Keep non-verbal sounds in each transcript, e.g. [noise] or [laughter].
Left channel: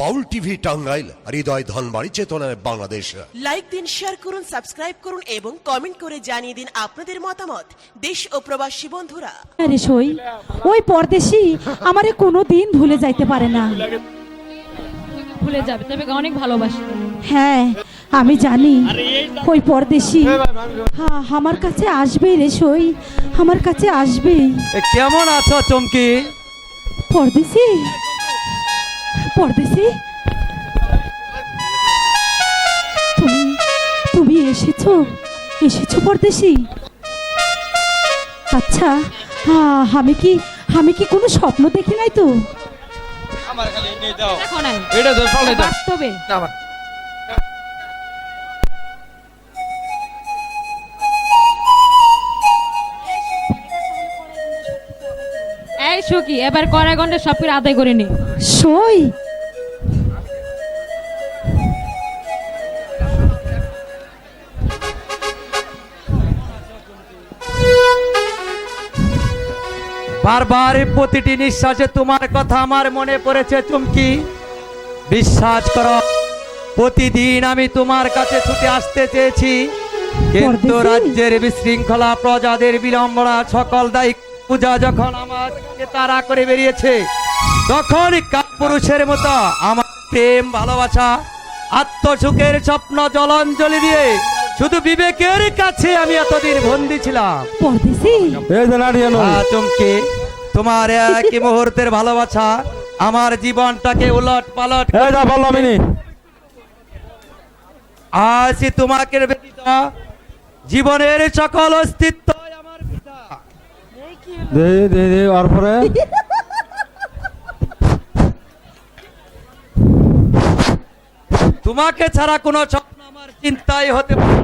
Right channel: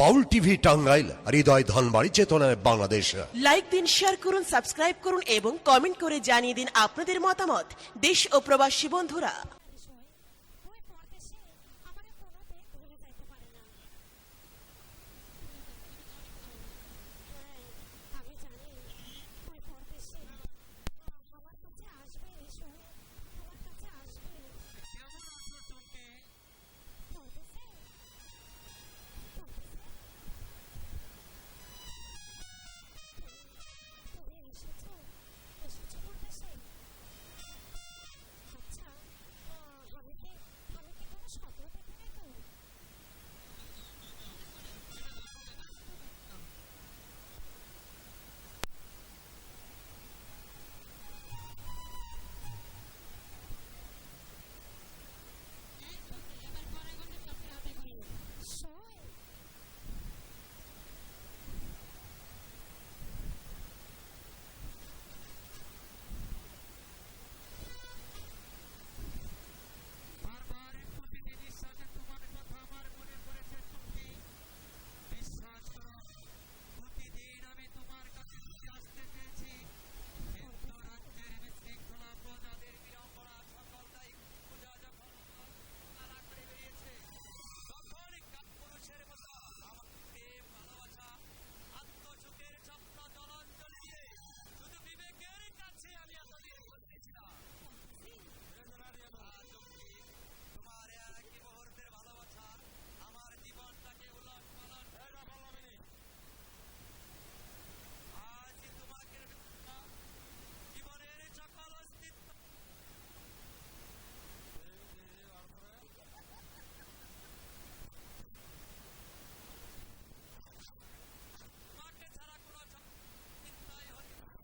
বাউল TV Tangail হৃদয় ধনবাড়ি চেতনায় Bangladesh. Like দিন share করুন সাবস্ক্রাইব করুন এবং কমেন্ট করে জানিয়ে দিন আপনাদের মতামত। দেশ ও প্রবাসী বন্ধুরা। আরে সই ওই পরদেশি আমারে কোনো দিন ভুলে যাইতে পারে না। ভুলে যাবে তবে অনেক ভালোবাসি। হ্যাঁ আমি জানি ওই পরদেশি। হ্যাঁ আমার কাছে আসবেই রে সই আমার কাছে আসবেই। কেমন আছো চমকি? পরদেশি? পরদেশি তুমি তুমি এসেছ? এসেছ পরদেশি আচ্ছা হ্যাঁ, আমি কি আমি কি কোনো স্বপ্ন দেখি নাই তো? বাস্তবে। এই সুখী এবার কড়াই গন্ডে সব করে আদায় করে নি। সই। বারবার প্রতিটি নিঃশ্বাসে তোমার কথা আমার মনে পড়েছে চুমকি। বিশ্বাস করো প্রতিদিন আমি তোমার কাছে ছুটে আসতে চেয়েছি। কিন্তু রাজ্যের বিশৃঙ্খলা প্রজাদের বিড়ম্বনা সকল দায়িক পূজা যখন আমাকে তারা করে বেরিয়েছে তখন পুরুষের মতো আমার প্রেম ভালোবাসা আত্মসুখের স্বপ্ন জলাঞ্জলি দিয়ে শুধু বিবেকের কাছে আমি এতদিন বন্দি ছিলাম। চমকে তোমার এক মুহূর্তের ভালোবাসা আমার জীবনটাকে উলট পালট আজ তোমাকে ব্যতীত জীবনের সকল অস্তিত্ব আমার পিতা। দে দে দে আর পরে? [laughs] তোমাকে ছাড়া কোনো স্বপ্ন আমার চিন্তাই হতে পারে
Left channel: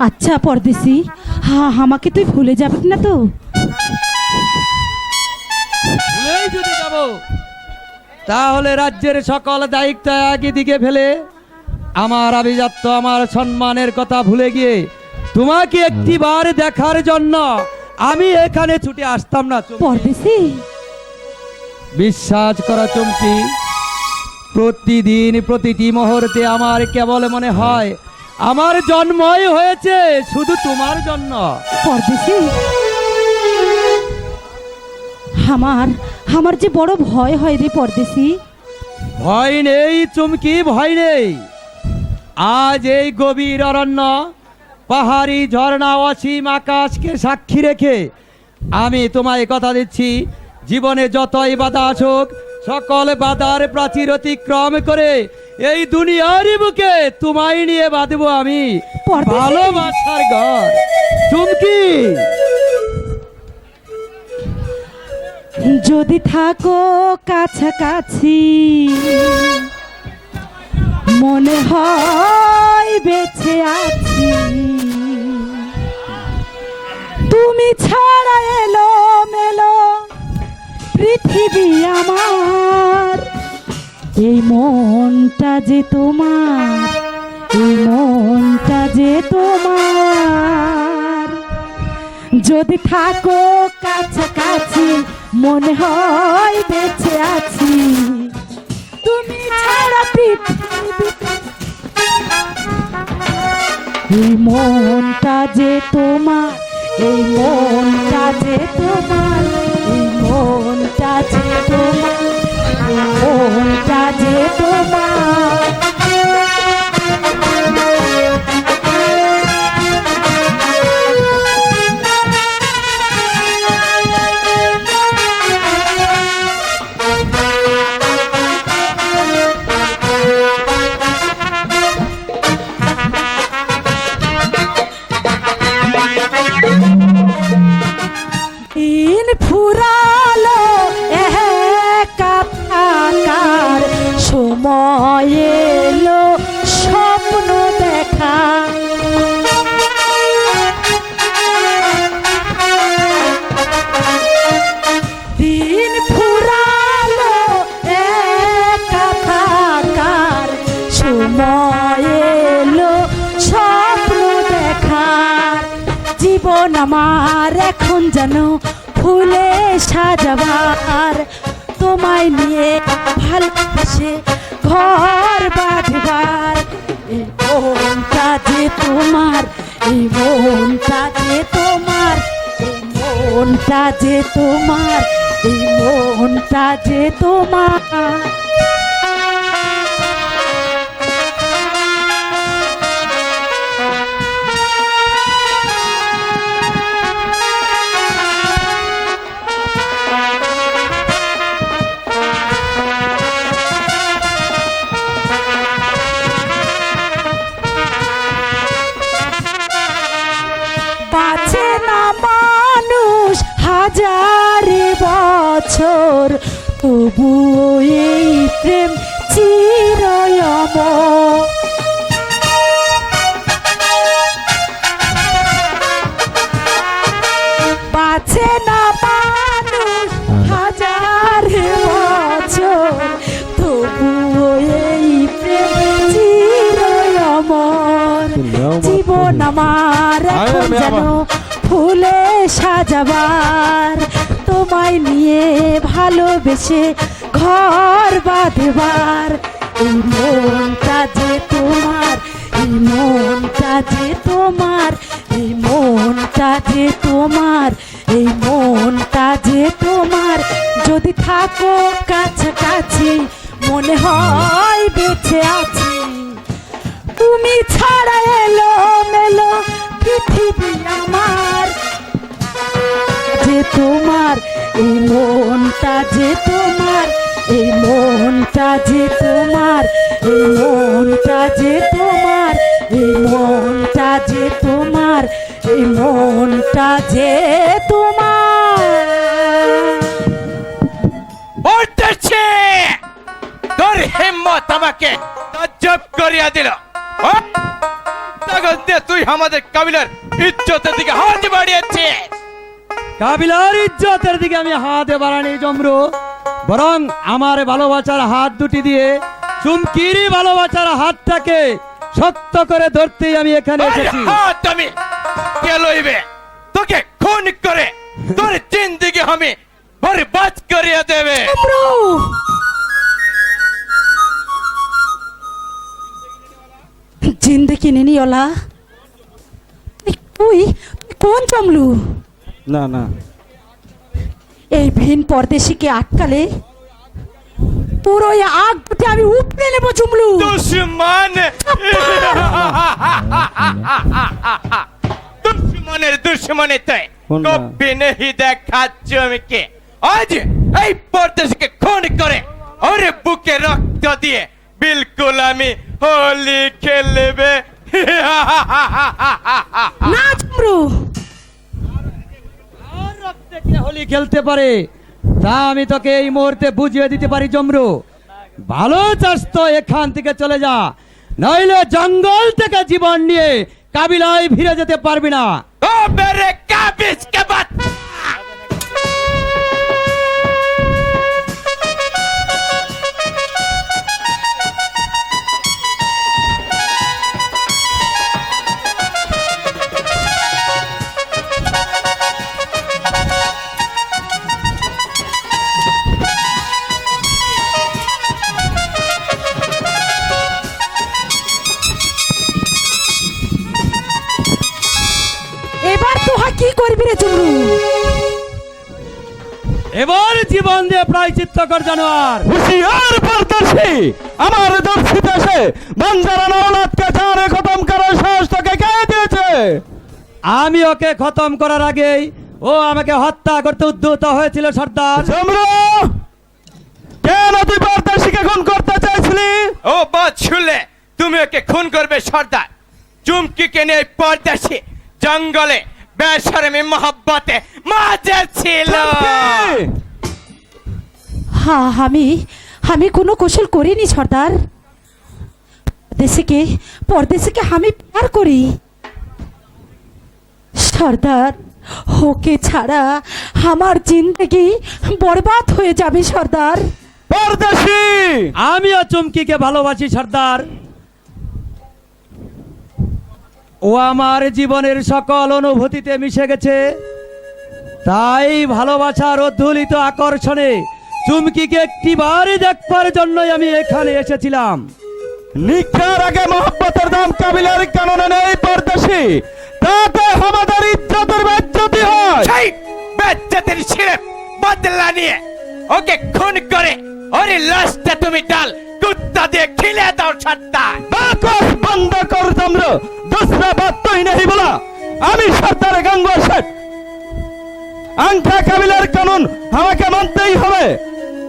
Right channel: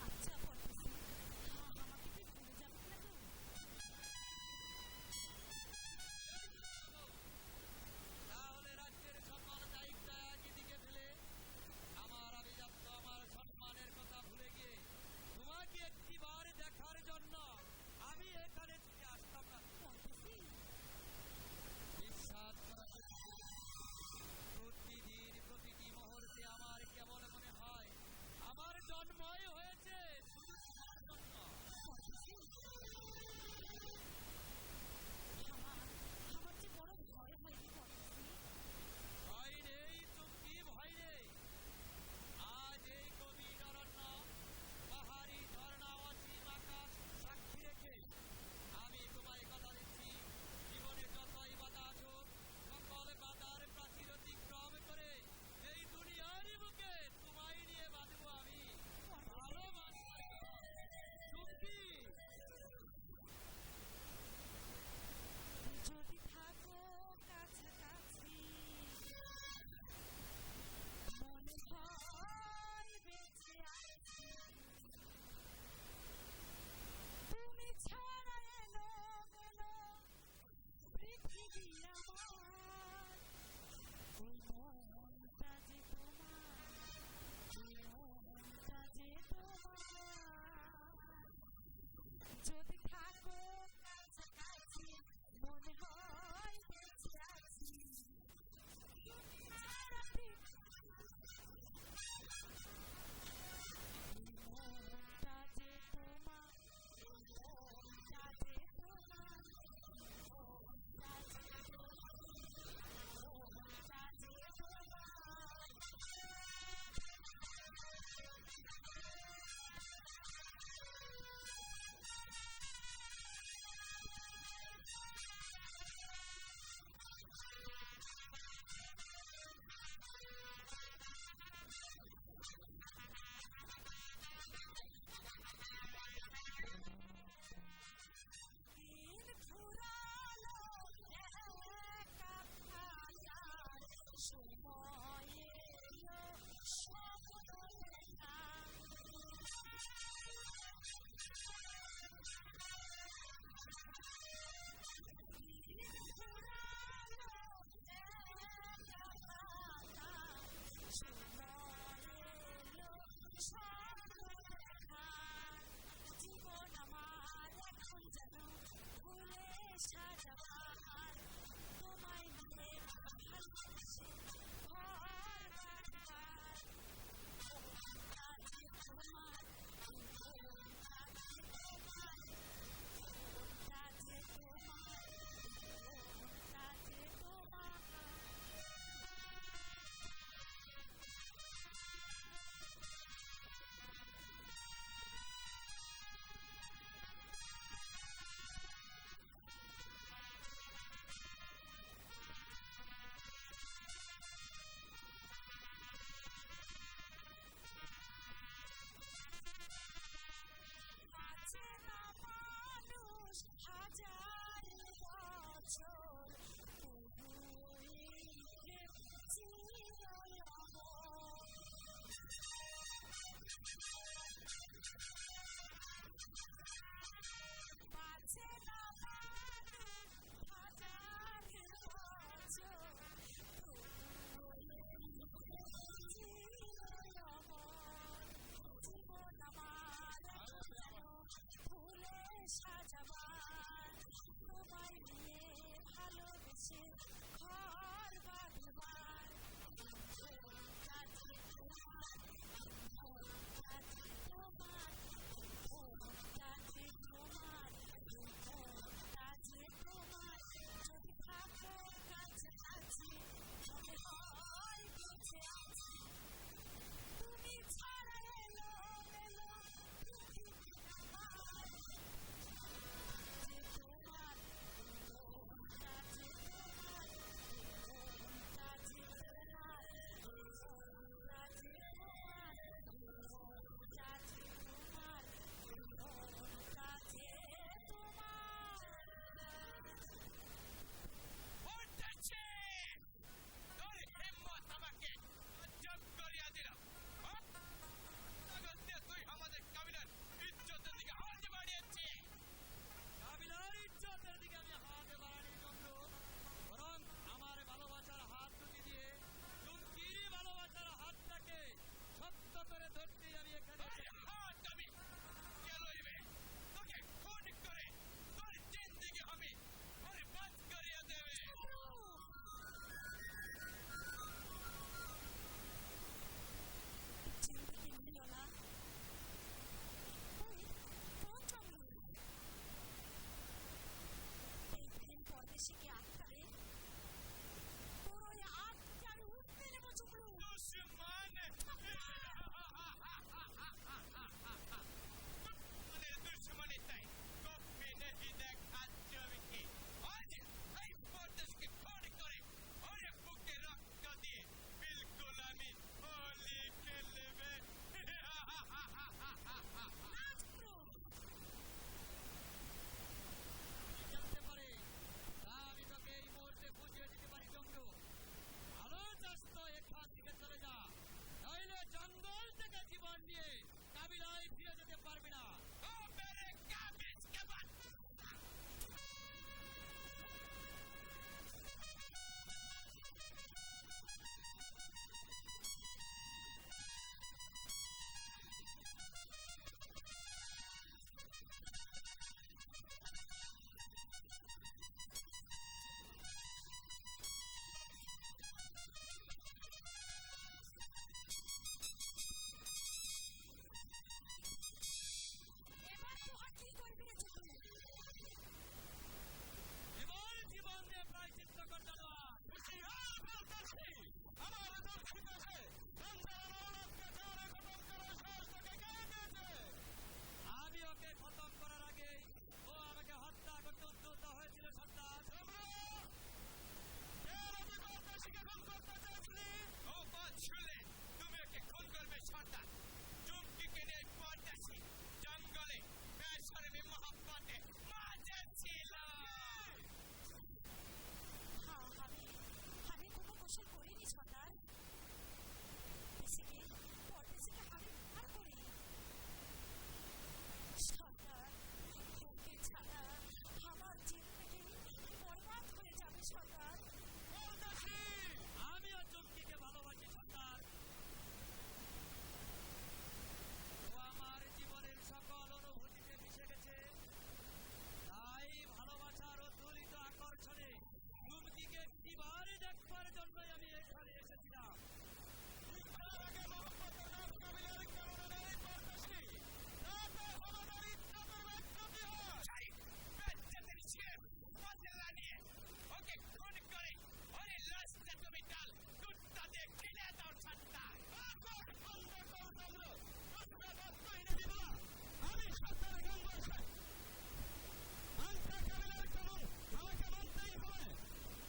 আচ্ছা পরদেশি। হ্যাঁ আমাকে তুই ভুলে যাবি না তো। ভুলেই যদি যাব তাহলে রাজ্যের সকল দায়িত্ব একই দিকে ফেলে আমার আভিজাত্য আমার সম্মানের কথা ভুলে গিয়ে তোমাকে একটিবার দেখার জন্য আমি এখানে ছুটে আসতাম না। পরদেশি? বিশ্বাস করা চমকি। প্রতিদিন প্রতিটি মুহূর্তে আমার কেবল মনে হয় আমার জন্মই হয়েছে শুধু তোমার জন্য। পরদেশি? আমার আমার যে বড় ভয় হয় রে পরদেশি। ভয় নেই চুমকি ভয় নেই। আজ এই গভীর অরণ্য পাহাড়ি ঝর্ণা অসীম আকাশকে সাক্ষী রেখে আমি তোমায় কথা দিচ্ছি। জীবনে যতই বাধা আসুক সকল বাধার প্রাচীর অতিক্রম করে এই দুনিয়ার বুকে তোমায় নিয়ে বাঁধবো আমি। ভালোবাসার ঘর। চুমকি। যদি থাকো কাছাকাছি মনে হয় বেঁচে আছি। তুমি ছাড়া এলো মেলো পৃথিবী আমার। এই মনটা যে তোমার, এই মনটা যে তোমার। যদি থাকো কাছাকাছি, মনে হয় বেঁচে আছি। তুমি ছাড়া পৃথিবীতে। এই মনটা যে তোমার এই মনটা যে তোমার এই মনটা যে তোমার এই মনটা যে তোমার। সাজাবার তোমায় নিয়ে ভালোবেসে ঘর বাঁধবার। এই মনটা যে তোমার, এই মনটা যে তোমার, এই মনটা যে তোমার, এই মনটা যে তোমার। বছর তবুও এই প্রেম চিরয়ম ভালোবেসে ঘর বাঁধবার। এই মনটা যে তোমার, এই মনটা যে তোমার, এই মনটা যে তোমার, এই মনটা যে তোমার। যদি থাকো কাছাকাছি, মনে হয় বেঁচে আছি। তুমি ছাড়া এলো মেলো পৃথিবী আমার। যে তোমার, এই মনটা যে তোমার, এই মনটা যে তোমার, এই মনটা যে তোমার, এই মনটা যে তোমার, এই মনটা যে তোমার। তোর হিম্মত আমাকে তাজ্জব করিয়া দিল। তুই আমাদের কাবিলার ইজ্জতের দিকে হাত বাড়িয়েছিস। কাবিলার ইজ্জতের দিকে আমি হাত বাড়ানি জমরু। বরং আমার ভালোবাসার হাত দুটি দিয়ে চুমকির ভালোবাসার হাতটাকে শক্ত করে ধরতেই আমি এখানে এসেছি। হাত আমি কে লইবে? তোকে খুন করে তোর জিন্দিগি আমি বরবাদ করিয়া দেবে। জিন্দগি নিনিওলা তুই কোন জমলু না না। এই ভিন পরদেশিকে আটকালে তোর ওই আগ দুটি আমি উপড়ে নেব জুমলু দুশ্মন। দুশ্মনের দুশ্মনে তাই? কবি নেই দেখাচ্ছ আমি কে? আজ এই পরদেশকে খুন করে ওরে বুকে রক্ত দিয়ে বিলকুল আমি হোলি খেলবে। না কে হোলি খেলতে পারে। তা আমি তোকে এই মুহূর্তে বুঝিয়ে দিতে পারি, জমরু। ভালো চাস তো, এখান থেকে চলে যা। নইলে জঙ্গল থেকে জীবন নিয়ে কাবিলায় ফিরে যেতে পারবি না। ও মেরে কাবিজ কে বাচ্চা এবার তোহা কি করবি রে এবার জীবন দিয়ে প্রায় চিত্তকর জানোয়ার। হুশিয়ার পরদেশি আমার দর্শিত এসে বাঞ্জারা নওলাদকে জানে খতম করার সাহস তোকে কে দিয়েছে? আমি ওকে খতম করার আগেই ও আমাকে হত্যা করতে উদ্যত হয়েছিল সর্দার। জমরু কেন তুই পরদেশিকে খুন করতে চাইছিলি? ও বাছুলে তুমি ওকে খুন করবে সর্দার। চুমকিকে নিয়ে পরদেশি জঙ্গলে বেসরমি মহব্বতে মাঝে ছিল! হ্যাঁ আমি আমি কোনো কৌশল করিনি সর্দার। দেশকে পরদেশকে আমি প্যার করি। সর্দার ওকে ছাড়া আমার জিন্দগি বরবাদ হয়ে যাবে সর্দার। পরদেশি! আমিও চুমকিকে ভালোবাসি সর্দার। ও আমার জীবনের সকল অনুভূতিতে মিশে গেছে। তাই ভালোবাসার অধ্যুলিত আকর্ষণে চুমকিকে একটিবার দেখবার জন্যই আমি এখানে এসেছিলাম। নিকার আগে মোহব্বতের দাম কাবিলার কাননে নেই পরদেশি। তাতে আমাদের ইজ্জতের বেজ্জতি হয়। সেই বেচ্চাদের ছিঁড়ে বদলা নিয়ে ওকে খুন করে। ওরে লাশটা তুমি ডাল। কুত্তা দিয়ে খিলে আমি সর্দার গঙ্গা শেঠ। আংখা কানুন আমাকে মানতেই হবে।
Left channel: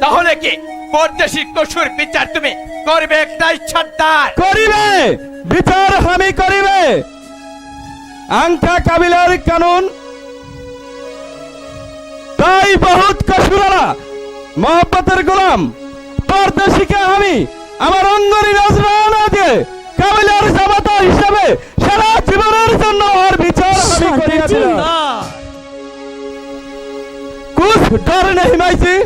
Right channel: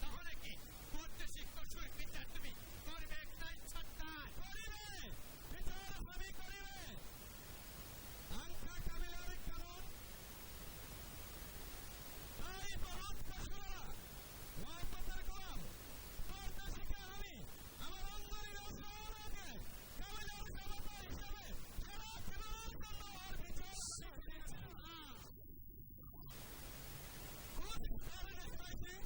তাহলে কি পরদেশি কসুর বিচার তুমি করবে একটাই সর্দার? করিবে। বিচার আমি করিবে। আংখা কাবিলার কানুন। তাই বহুত কসুরারা মহব্বতের গোলাম। পরদেশিকে আমি আমার অঙ্গনি নজরানা দিয়ে কাবিলার জামাতা হিসাবে সারা জীবনের জন্য ওর বিচার আমি করিয়াছিলাম कुछ डर नहीं माइसी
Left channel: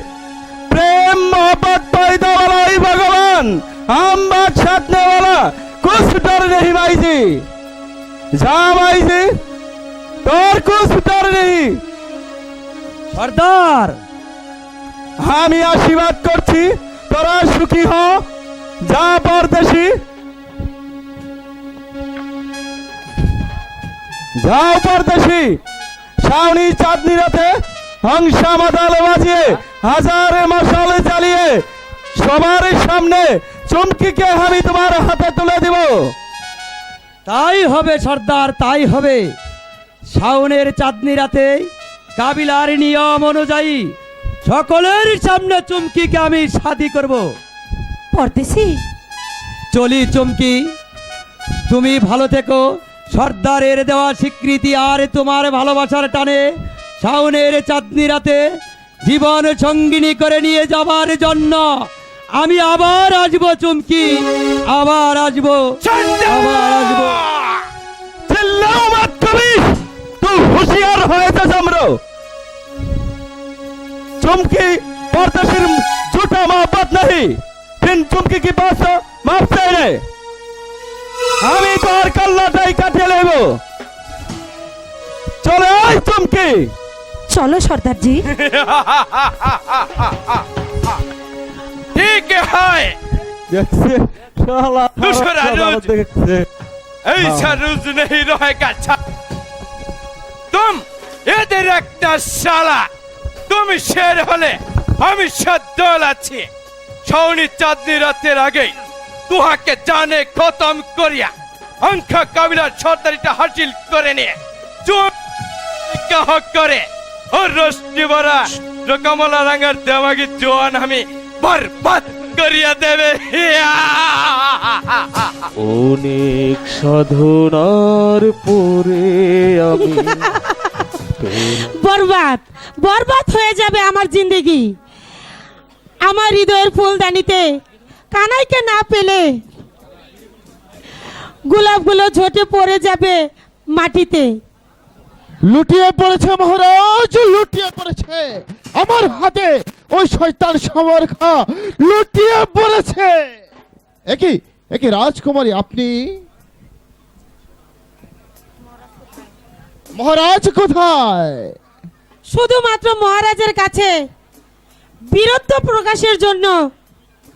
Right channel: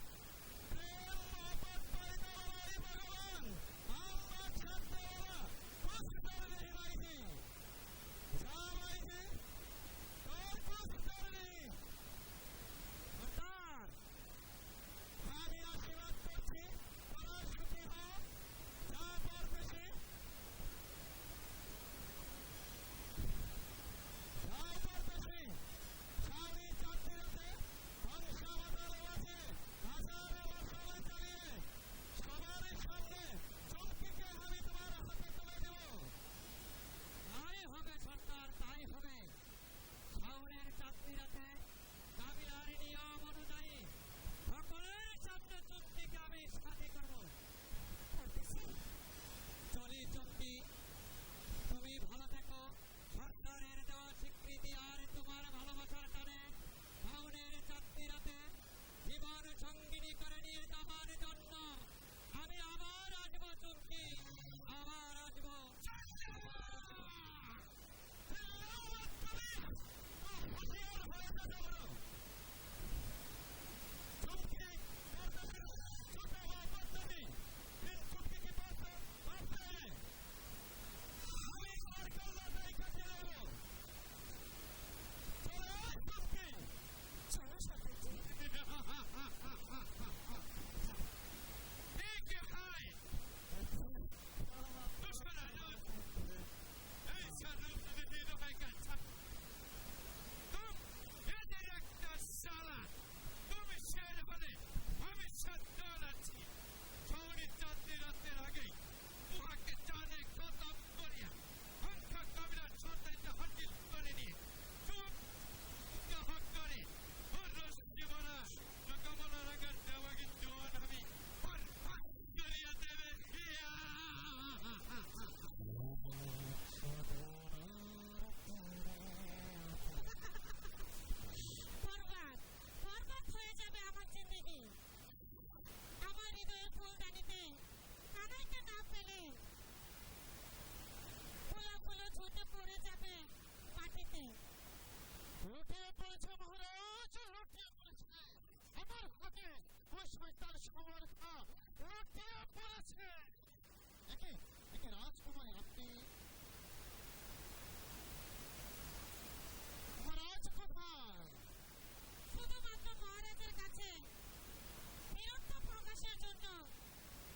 प्रेम मोहब्बत पैदा वाला ही भगवान हम बात साधने वाला कुछ डर नहीं माइसी जा माइसी তোর कुछ डर नहीं সর্দার আমি আশীর্বাদ করছি তোরা সুখী হ, যা পরদেশি যাও পরদেশি শাওনি চাঁদনি রাতে হংসা মাতালে বাজিয়ে হাজারে মশালে চালিয়ে সবার সামনে চমকিকে আমি তোমার হাতে তুলে দিব। তাই হবে সর্দার, তাই হবে। শাওনের চাঁদনি রাতে কাবিলার নিয়ম অনুযায়ী সকলের সামনে চুমকিকে আমি শাদি করব। পড়তেছি চলি চুমকি। তুমি ভালো থেকো। সর্দারের দেওয়া স্বীকৃতি আর তোমার ভালোবাসার টানে শাওনের চাঁদনি রাতে জীবন সঙ্গিনী করে নিয়ে যাবার জন্য আমি আবার আসব চুমকি। আবার আসব। আবার আসব। चुमकी परदेशिर झूठा मोहब्बत नहीं फिर चुमकी की बात माफ से रे আমি তোর কাল্লাটাই কাটিয়ে নেব চলে আয় চুমকি চলো সর্দারজি ঠিক হয় দেখছে শালা दूसरा रोज। দেখছে ऐसा रोज नहीं रहेगा छा- तुम এদের একটা শালা তুমি শের হলে আমি সদ্দল আছি। ছৌনি চাঁদনি রাতের আগে তুহাকে জানে খতম করিয়া অঙ্কা কাবিলার সর্দারিটা হাসিল করে নিয়ে চুপ কাহ করে, ও রষ্টি বরা রকমলা রাঙার দেমাগি জোয়ান আমি বরবাদ করিয়া দেবে। অনেক সাধনার পরে আমি বরবাদ বরবাদ হয়ে যাবে আমার জিন্দগি। আমার হৃদয়ের ফুলদানিতে কানাইকে না পেলে গোলাপগুলো ঝোটে পড়ে যাবে মাটিতে। লুটিয়ে পড়েছে মহারাজ, লুটিয়ে পড়েছে। আমার হাতে ওই শয়তান সমরখা লুটিয়ে পড়েছে। একই একই রাজকুমারী, আপনি মহারাজ কোথায়? শুধুমাত্র মহারাজের কাছে বীরত্ব প্রকাশের জন্য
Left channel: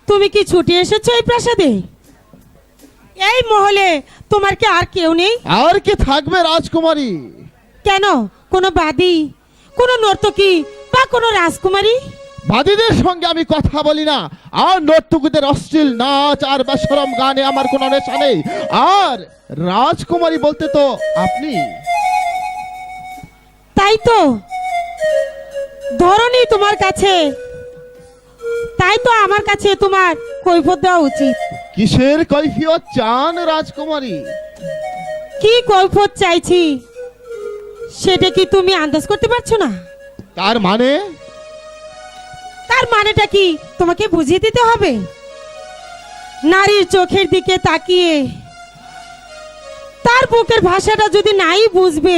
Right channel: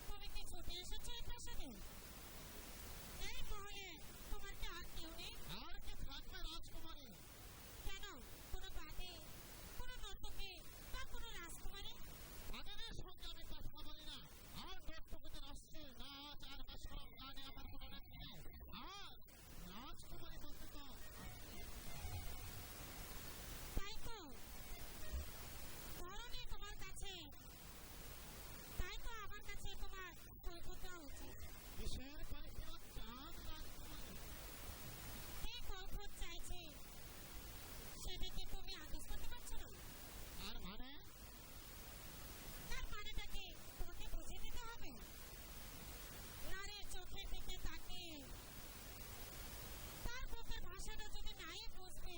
তুমি কি ছুটি এসেছ এই প্রাসাদে? এই মহলে তোমার কি আর কেউ নেই? আর কি থাকবে রাজকুমারী? কেন? কোনো বাদী? কোনো নর্তকী বা কোনো রাজকুমারী? বাদীদের সঙ্গে আমি কথা বলি না। আর নর্তকীদের অশ্লীল নাচ আর বেসরম গানে আমার কোনো নেশা নেই। আর রাজকুমারী বলতে তো আপনি। তাই তো? ধরনি তোমার কাছে। তাই তো আমার কাছে তোমার কৈফত দেওয়া উচিত। কিসের কৈফিয়ত চান রাজকুমারী? কি কৈফত চাইছি? সেটা কি তুমি আন্দাজ করতে পারছ না? তার মানে? তার মানেটা কি তোমাকে বুঝিয়ে দিতে হবে? নারীর চোখের দিকে তাকিয়ে তার বুকের ভাষাটা যদি নাই বুঝবে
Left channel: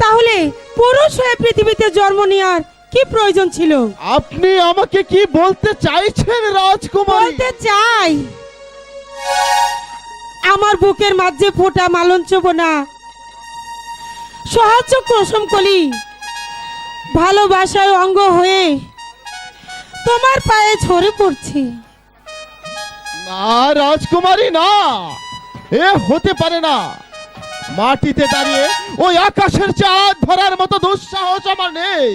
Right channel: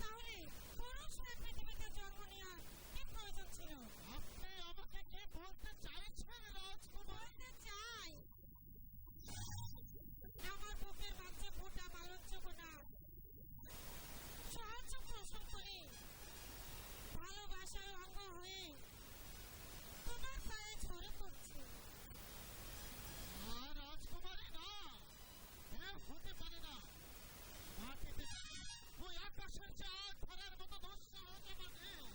তাহলে পুরুষ হয়ে পৃথিবীতে জন্ম নেওয়ার কি প্রয়োজন ছিল? আপনি আমাকে কি বলতে চাইছেন রাজকুমারী? বলতে চাই। আমার বুকের মাঝে ফোটা মালঞ্চব না সহজ প্রসম কলি। ভালোবাসায় অঙ্গ হয়ে তোমার পায়ে ঝরে পড়ছি। না রাজকুমারী না। এ হতে পারে না। মাটিতে দাঁড়িয়ে ওই আকাশের চাঁদ ধরার মতো দুঃসাহস আমার নেই।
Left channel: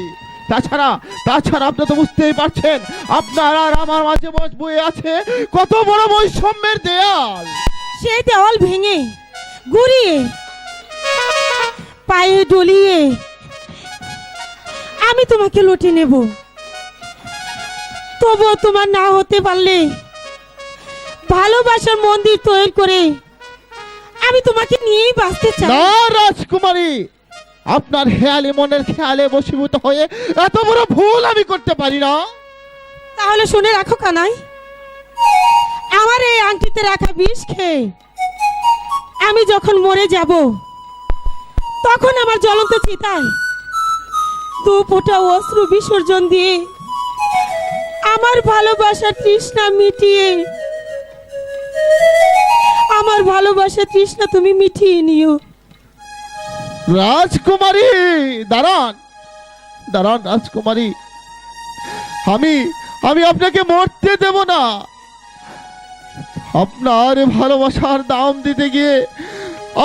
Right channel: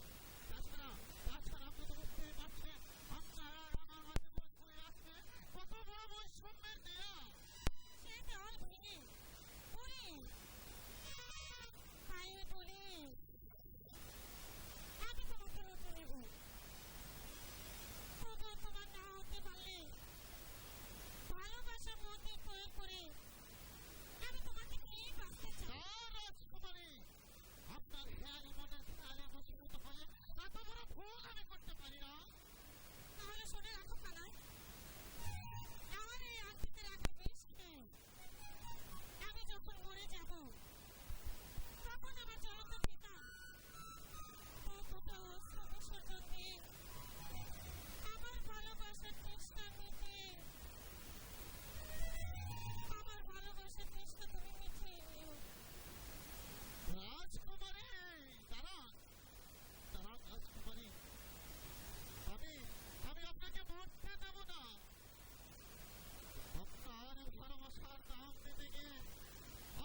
তাছাড়া তাছাড়া আপনি তো বুঝতেই পারছেন, আপনার আর আমার মাঝে বয়ে আছে কত বড় বৈষম্যের দেয়াল। সেই দেওয়াল ভেঙে গুড়িয়ে, পায়ে ডলিয়ে আমি তোমাকে লুটে নেব। তবুও তোমার না হতে পারলে ভালোবাসার মন্দির তৈরি করে আমি তোমাকে নিয়েই বাঁচতে চাই। না রাজকুমারী আপনার হেয়ালি মনের খেয়ালে বশীভূত হয়ে এত বড় ভুল আমি করতে পারি না। তাহলে শুনে রাখো কানাই আমার এই আংটিতে রাখা বিষ খেয়ে আমি যখন মরে যাব তখন আমার জ্বলন্ত চিতায় দু ফোঁটা অশ্রু বিসর্জন দিয়ে আমার ভালোবাসার তৃষ্ণা মিটিয়ে আমার ভালোবাসার তৃষ্ণা তুমি মিটিয়ে নিও। রাজকুমারী, দাঁড়ান। দাঁড়ান রাজকুমারী। আমি আমি আপনাকে মরতে দেব না। আপনার ভালোবাসার দাম দিতে গিয়ে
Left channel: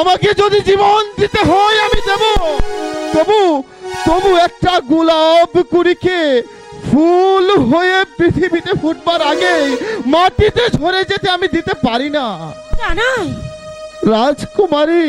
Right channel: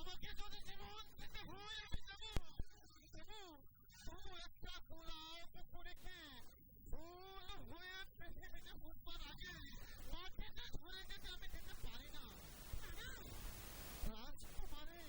আমাকে যদি জীবন দিতে হয়, আমি দেব। তবু তবু একটা গোলাপ কুড়িকে ফুল হয়ে পৃথিবীতে ফুটবার আগে মাটিতে ঝরে যেতে আমি দিতে পারি না। রাজকুমারী।